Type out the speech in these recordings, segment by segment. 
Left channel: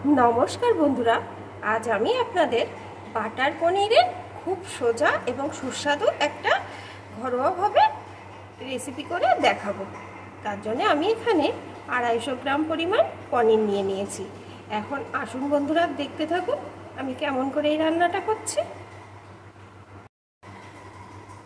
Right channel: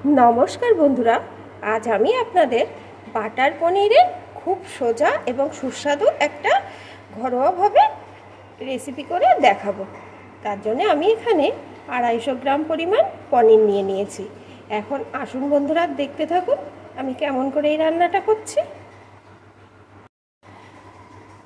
नमस्कार बंधुरा आज आमी आपनादेर बाटार पनीरेर खूब सोजा एवं सुस्वादु एकटा घरोया भावे रेसिपि करे देखाबो। तार जोन्नो आमी एखाने 250 ग्राम परिमाण पनीर निये नियेछि। एखन आसुन बंधुरा देखते थाकुन आमी केमन करे एई रान्नाटा करछि।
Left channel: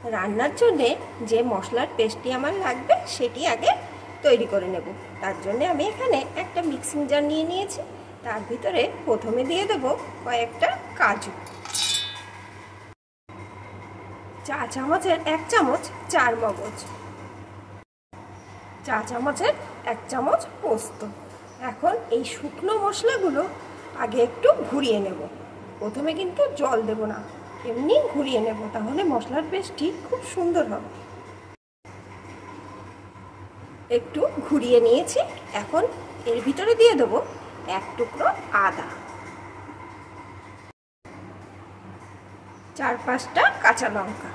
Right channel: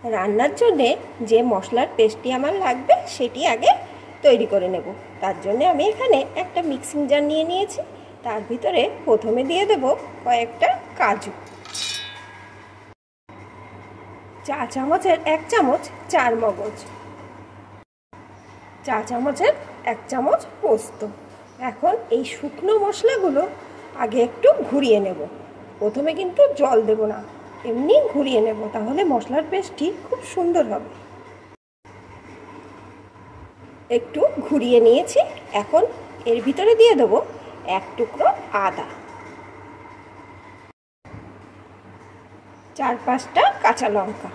रान्नार जोन्नो जे मशलार पेस्टटी आमार लागबे सेटी आगे तैरी करे नेब। तार जोन्नो आमी एखाने एकटा मिक्सिंग जार निये नियेछि। तार भितरे प्रथमे दिए देब कयेकटा काजू, चा चामचेर 1 चामच चार मगज, चा चामचेर 1 चामच पोस्त। एखन এই শুকনো মশলাগুলো আগে একটু ঘুরিয়ে নেব। প্রথমে কিন্তু জল দেব না, এমনি ঘুরিয়ে নেব, তাহলে মশলার পেস্টটি খুব সুন্দর হবে। একটু ঘুরিয়ে নিয়েছি। এখন এর ভিতরে দিয়ে দেব 1 টুকরো আদা, 4-5টা কাঁচা লঙ্কা।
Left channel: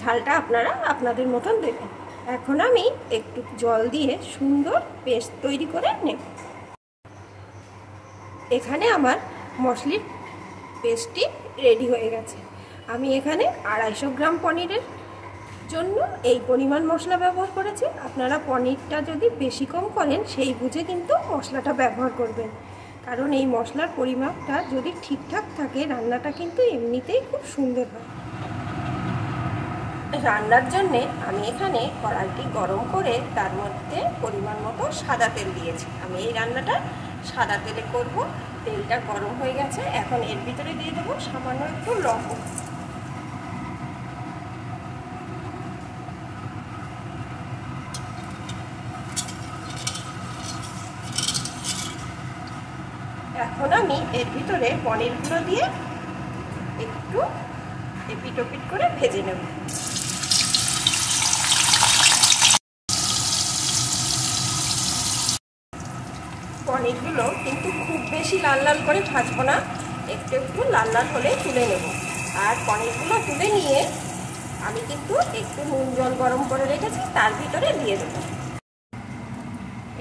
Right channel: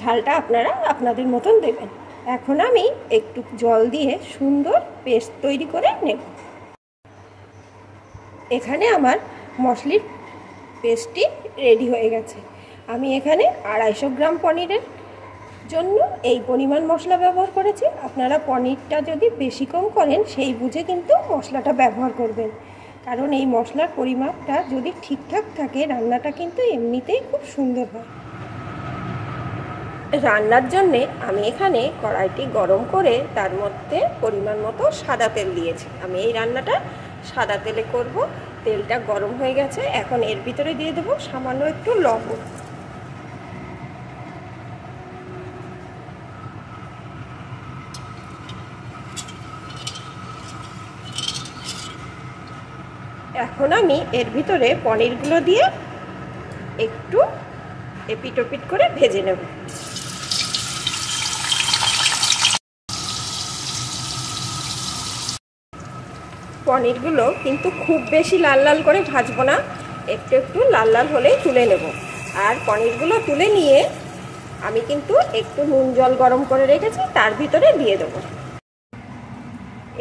ঝালটা আপনারা আপনাদের মতন দেবেন। এখন আমি একটু জল দিয়ে সুন্দর পেস্ট তৈরি করে নেব। এখানে আমার মশলার পেস্টটি রেডি হয়ে গেছে। আমি এখানে 250 গ্রাম পনিরের জন্য এই পরিমাণ মশলা ব্যবহার করেছি। আপনারা পনিরটা যদি বেশি কম করেন সেই বুঝে কিন্তু মশলাটা ব্যবহার করবেন, কারণ এই মশলার পরিমাপটা যদি ঠিকঠাক থাকে রান্নাটা কিন্তু এমনিতেই খুব সুন্দর হয়। রান্নার জন্য আমি এখানে কড়াইটি গরম করে তার মধ্যে পরিমাণ মতো সাদা তেল দিয়েছি। আমি এই রান্নাটা সাদা তেলে করব। তেলটা গরম হয়ে গেছে। এখন এর ভিতরে দিয়ে দেব সামান্য একটু লবণ, এখন আমি এর ভিতরে পনিরগুলো দিয়ে একটু এপিট ওপিট করে ভেজে নেব। পনিরগুলো কিন্তু খুব বেশি লাল লাল করে ভাজবো না, একটু একটু লাল লাল হলেই তুলে নেব। আর পনিরগুলো তুলে নিয়ে আমি কিন্তু একটু নুন জল গরম করে রেখেছি, তার ভিতরে দিয়ে দেব।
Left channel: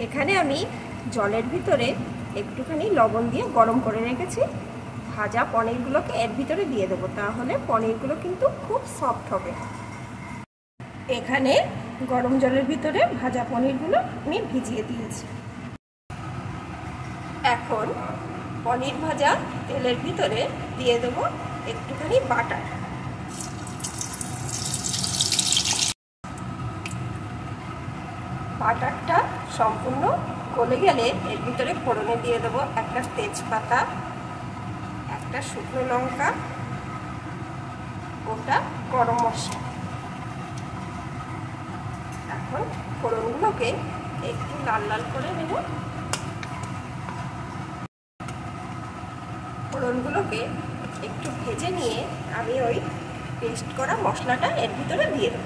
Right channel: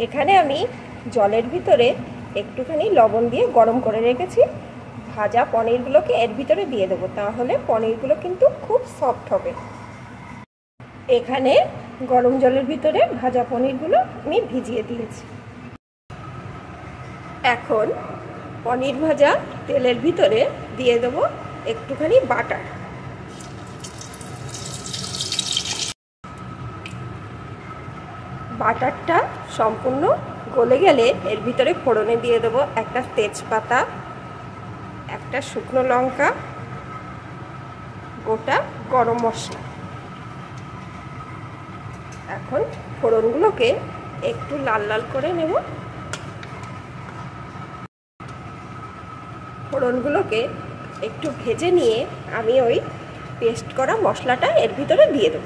এখানে আমি জলের ভিতরে একটুখানি লবণ দিয়ে গরম করে রেখেছি। ভাজা পনিরগুলোকে এর ভিতরে দিয়ে দেবো, তাহলে পনিরগুলো কিন্তু খুব সফট হবে। এখানে গরম জলের ভিতরে ভাজা পনিরগুলো আমি ভিজিয়ে দিয়েছি। এখন পনির ভাজা তেলের ভিতরে দিয়ে দেব একটুখানি বাটার। বাটারটা সম্পূর্ণ গলে গেলে এর ভিতরে ফোড়নে দিয়ে দেব একটা তেজপাতা, একটা শুকনো লঙ্কা, গোটা গরম মশলা। এখন ফোড়নগুলোকে একটু লাল লাল করে নেব। ফোড়নগুলোকে একটু ভেজে নিয়ে আমি ওই পেস্ট করা মশলাটা এর ভিতরে দিয়ে দেব।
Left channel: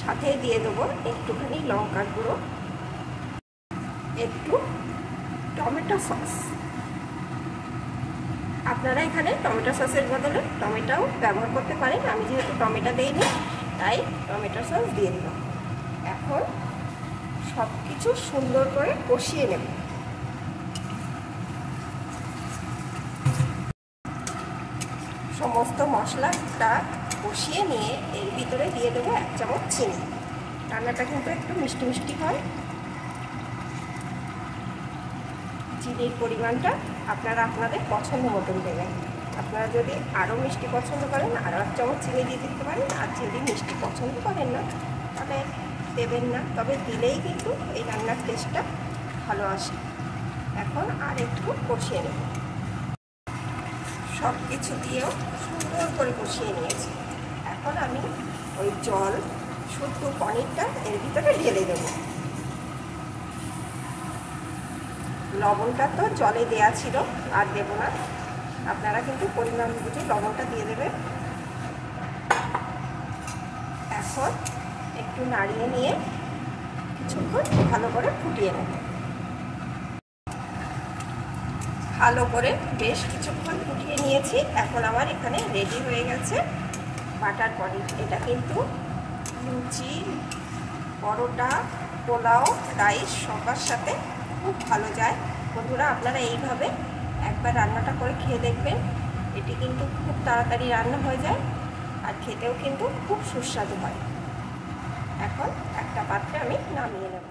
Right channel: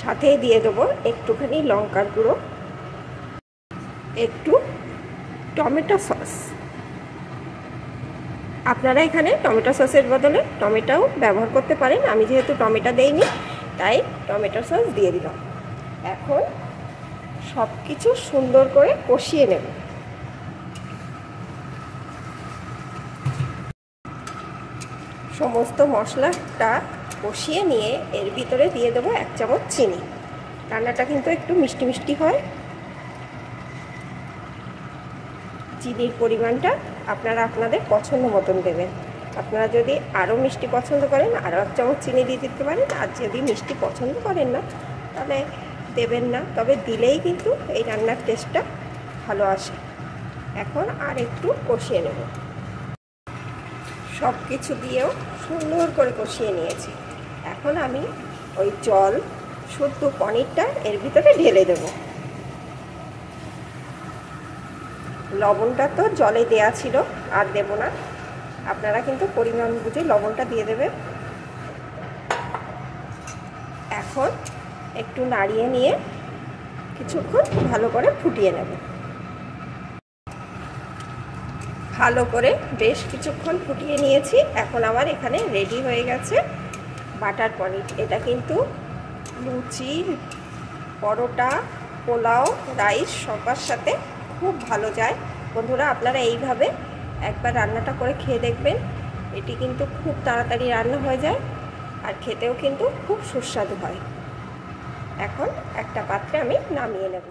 সাথে দিয়ে দেবো একটুখানি লঙ্কার গুঁড়ো, একটু টমেটো সস। আপনারা এখানে টমেটো সসের বদলে টমেটোও ব্যবহার করতে পারেন। আমি যেহেতু টমেটো দেইনি তাই টমেটো সস দিয়ে দিলাম। এখন সব কিছু সুন্দর করে কষিয়ে নেব। সমস্ত মশলাটা কষিয়ে নিয়ে এর ভিতরে দিয়ে দেবো 1 চামচ চিনি। রান্নাটা কিন্তু একটু মিষ্টি মিষ্টি হয়। চিনির পরিমাণটা আপনারা আপনাদের পছন্দ মতন দেবেন। আপনারা যদি আরও মিষ্টি পছন্দ করেন আরও 1 চামচ চিনি দিয়ে দিতে পারেন, আর যদি মিষ্টি পছন্দ করেন না তাহলে দেবেন না, তবে দিলেই কিন্তু এই রান্নার টেস্টটা ভালো আসে। এখন আর একটু কষিয়ে নেব। সব কিছু দিয়েও সুন্দর করে কষিয়ে নিয়েছি। এখন আমি ওই জল শুদ্ধ পনিরটা এর ভিতরে ঢেলে দেব। লবণটা তো জলে দেয়া ছিল, আর দেব না। আপনারা কিন্তু পরিমাণ বুঝে লবণটা দিয়ে দেবেন। এখন একটু নাড়িয়ে নিয়ে কিছুক্ষণ ভালো করে ফুটিয়ে নেব। ভালো করে বেশ কিছুক্ষণ ফুটিয়ে নিয়েছি। এখন আমার এখানে রেডি হয়ে গেছে বাটার পনির। এটা কিন্তু লুচি, পরোটা, পোলাও, রাইস সবার সাথে খুব ভালো যায়। বন্ধুরা আপনারা এইভাবে একবার রান্নাটা করে খেয়ে দেখবেন। এটি কিন্তু খুব তাড়াতাড়ি রান্না হয়ে যায় আর খেতেও কিন্তু খুব সুস্বাদু হয়। এখন একটা পাত্রে আমি নামিয়ে নেব।